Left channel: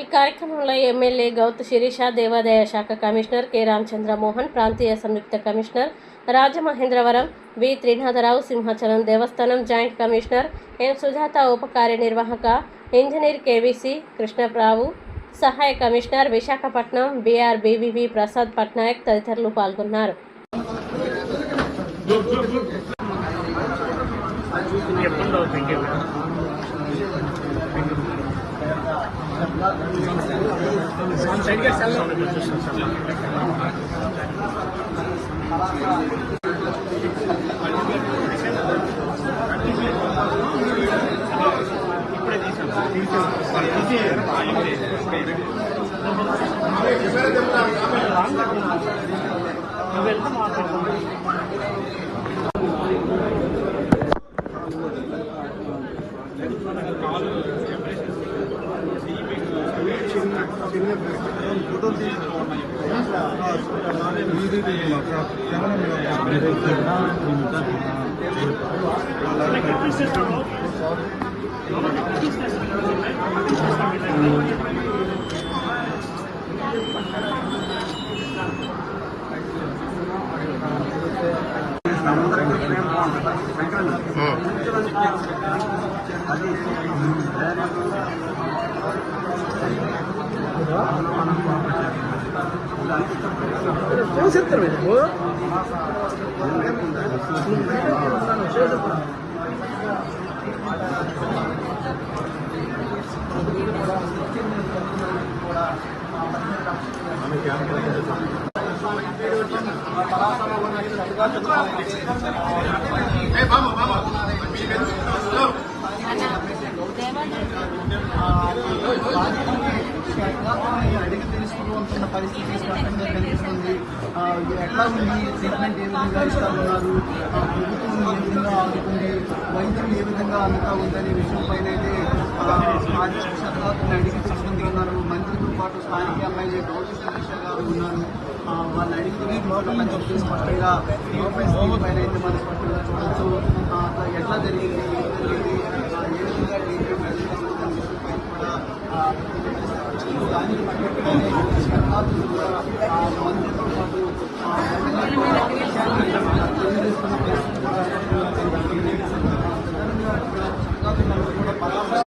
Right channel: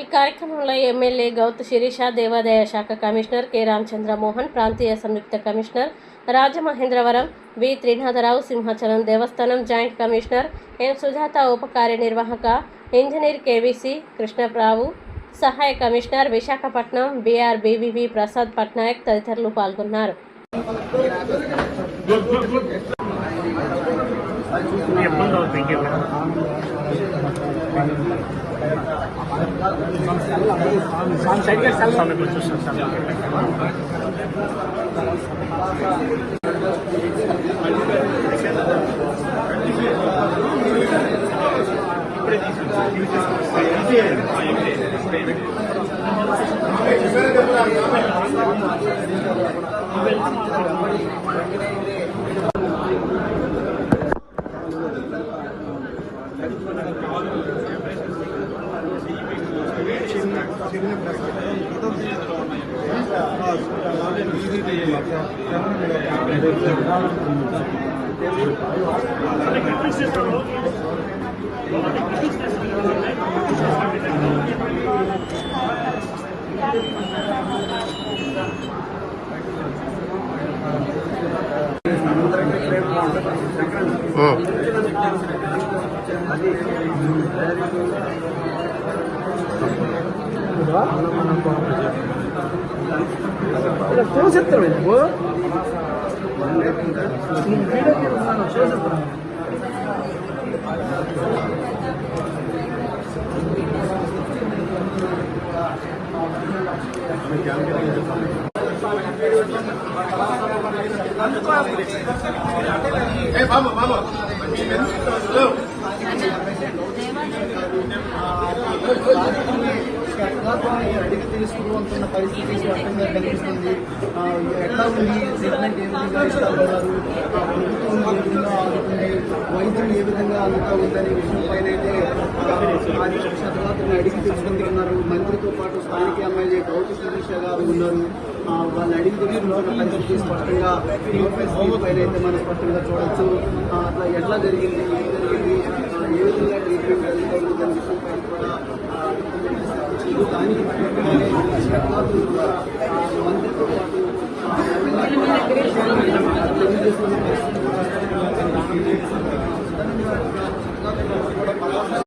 ఈ కార్యక్రమంలో ఎమ్మెల్యే గౌతు శిరీష, దేవాదాయ శాఖ కమిషనర్ కె రామచంద్ర మోహన్, ప్రాంతీయ సంయుక్త కమిషనర్ రాజమహేంద్రవరం వి త్రినాథరావు, సింహాచలం దేవస్థానం జాయింట్ కమిషనర్ ఎం సుజాత, ఉప కార్యనిర్వాహక ఇంజనీర్ కేవీసీ కృష్ణరావు, సహాయ commissioner Visakhapatnam BR BVV Prasad Patnaik తదితరులు పాల్గొన్నారు. అడిగి తీసుకుంటున్న పరిస్థితి స్పష్టంగా కనిపిస్తుంది. ఎట్లా ఉంది ట్రీట్మెంట్, ఏ విధంగా ఇష్టపడ్డారు, ప్రభుత్వం ఏ విధంగా ఆదుకుంది, వైద్యం ఏ విధంగా అందుతా ఉందనే విషయంపైన అయితే అడిగి తెలుసుకుంటున్నారు. మంత్రితో పాటు స్థానిక ఎమ్మెల్యే గౌతు శిరీష గారు ఉన్నారు. వాళ్ళని అడిగి తెలుసుకున్న పరిస్థితి స్పష్టంగా పైన అయితే మనం స్పష్టంగా చూడవచ్చు. అట్లా ఎట్లా జరిగింది, ఏం జరిగింది, ఏ విధంగా ట్రీట్మెంట్ జరుగుతుంది దాని విషయంపై కూడా మంత్రితో పాటు